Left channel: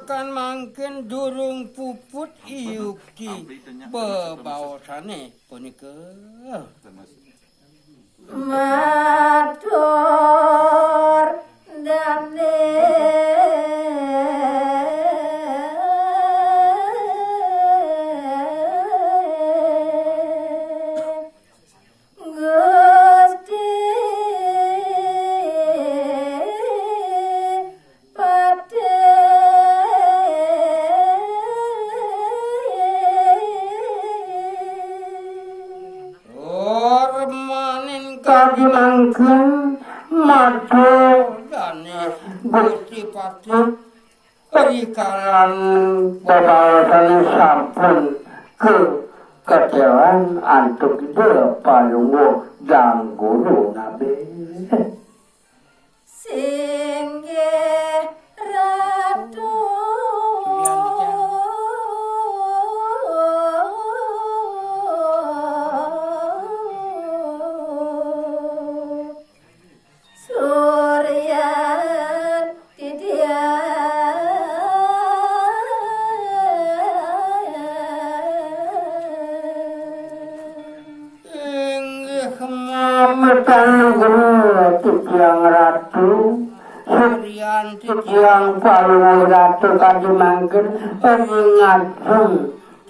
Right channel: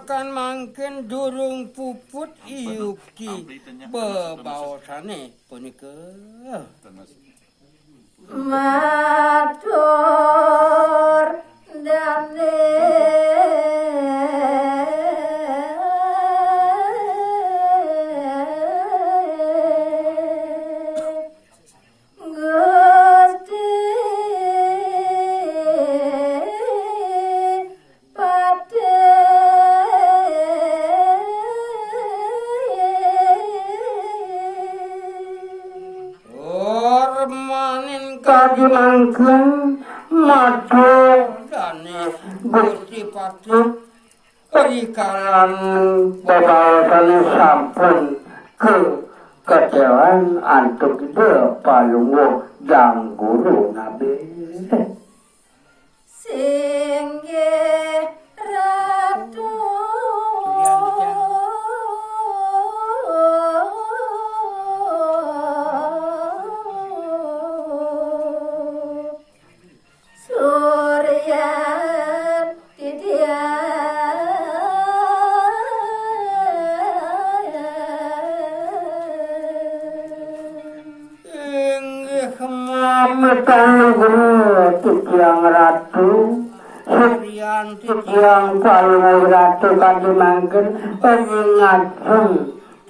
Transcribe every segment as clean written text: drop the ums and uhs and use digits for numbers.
kan mangken durung puput iuki bebaosane punika. Matur dane Gusti Patut perikalan bebawasan sampun ke kedewan antuk itu palunggu jang guru nabi singge ratu Titiang ratu Surian titiang palung ratu kadimangken pengingatun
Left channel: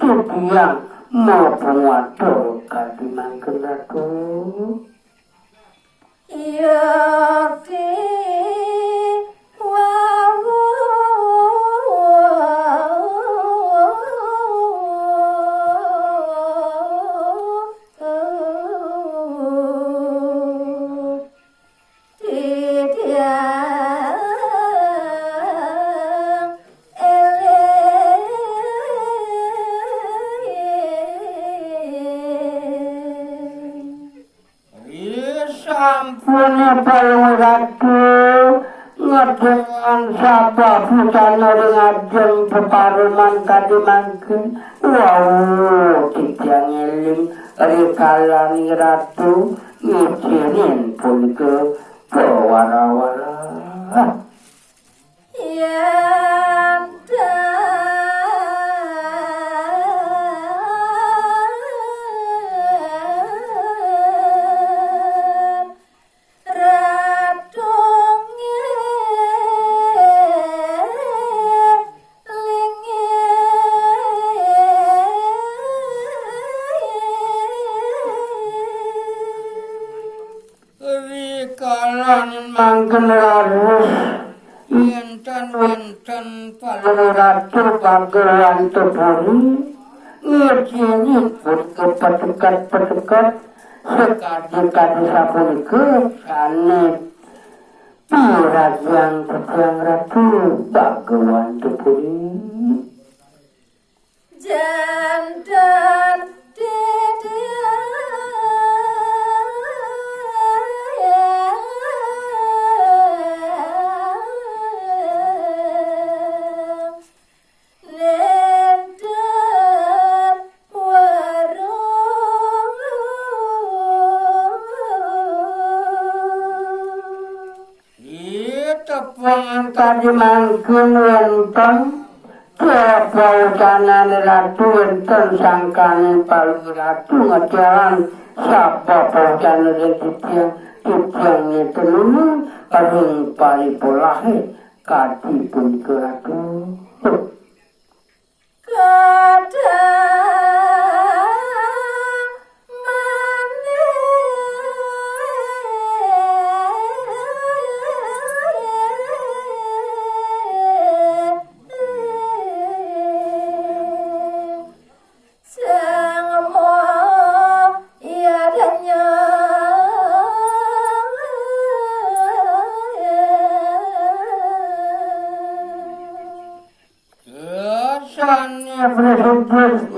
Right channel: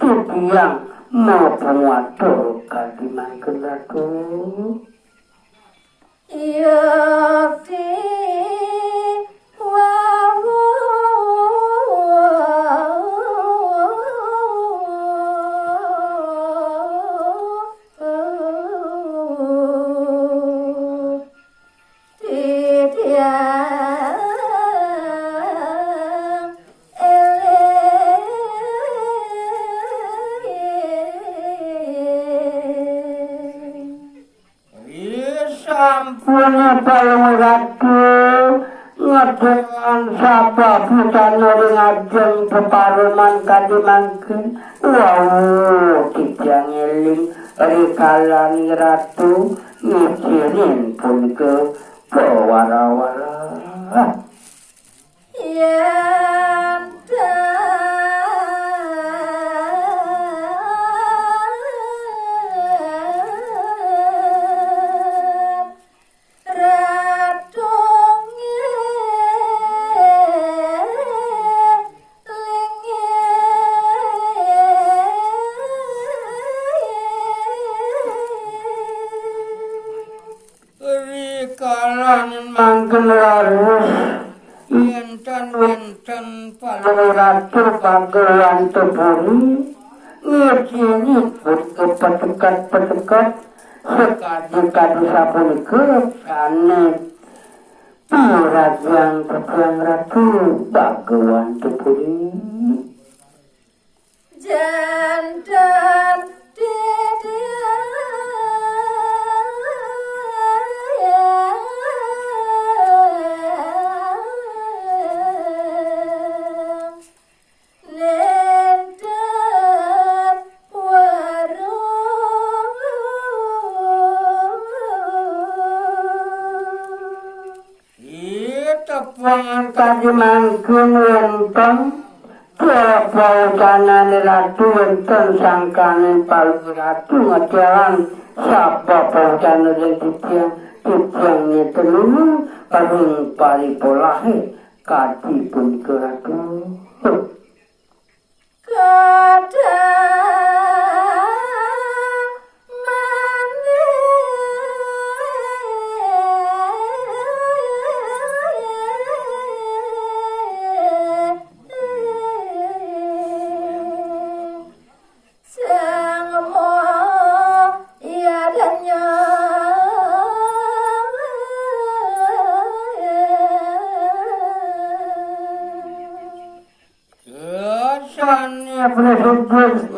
titiang maupun watu kadimangken ratu yakti wawu Sampun palung ratu ngedengan sapa putana ngajeng peparuman kadimangken wow titiang eling rikalani ratu ngicirin punika pewara-wara mangken larus wenten palung ratu kagelan tepuri ngeciri pun kepetekat-petekat sekadi-kadi sapunika kane piragian tetiang ratu kagelan tepuri jantan kadimangken wonten pautanane ratu wonten sangkane palung ratu ngetian sapa pautane titiang ngetenu kadung palipolahe kati punika ratu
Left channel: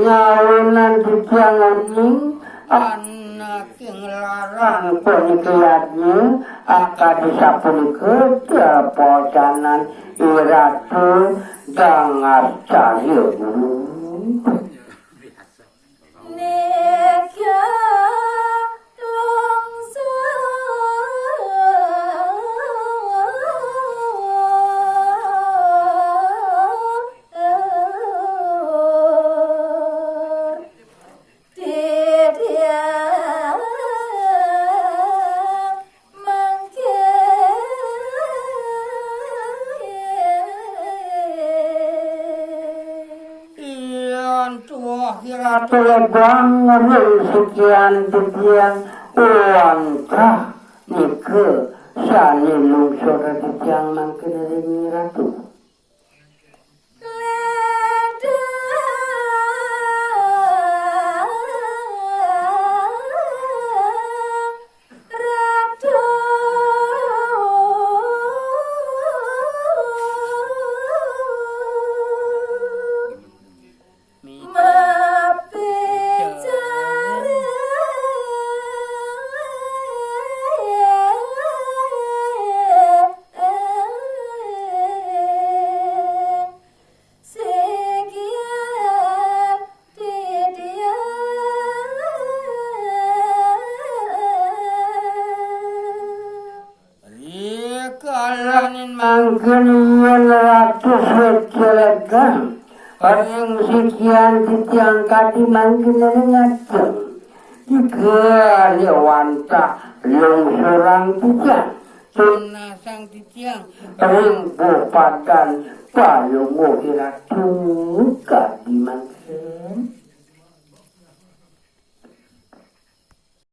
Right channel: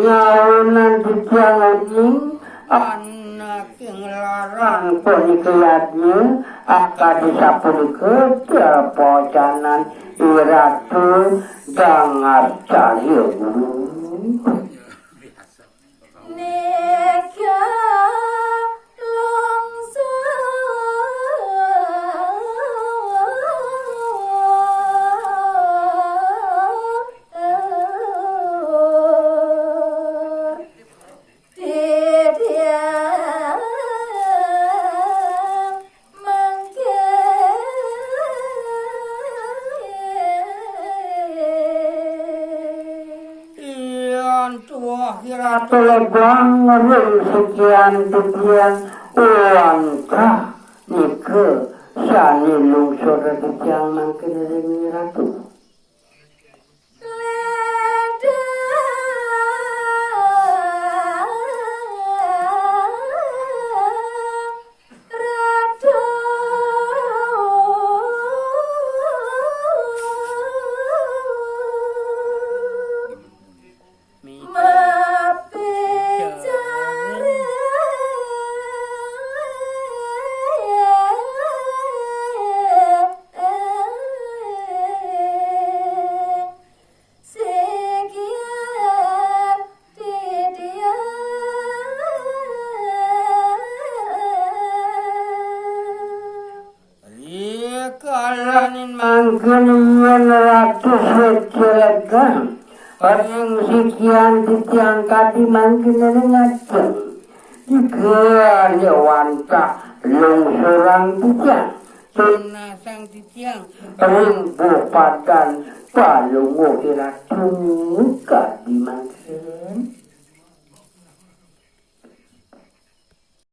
nyawunan titiang ini anak yang larang penitulatnya akan disapunika pocanan iratu gangas cahyo Telepon ngering sekian titian langkah nike sani lungsur titian makin ringi ratu. Mangkenian ratus wecelegan paling sekian titian kati mangkenian ngaceng tiga lewanta lungsuran titian tunasang titian rimbu padan palungu kira tungka di mangken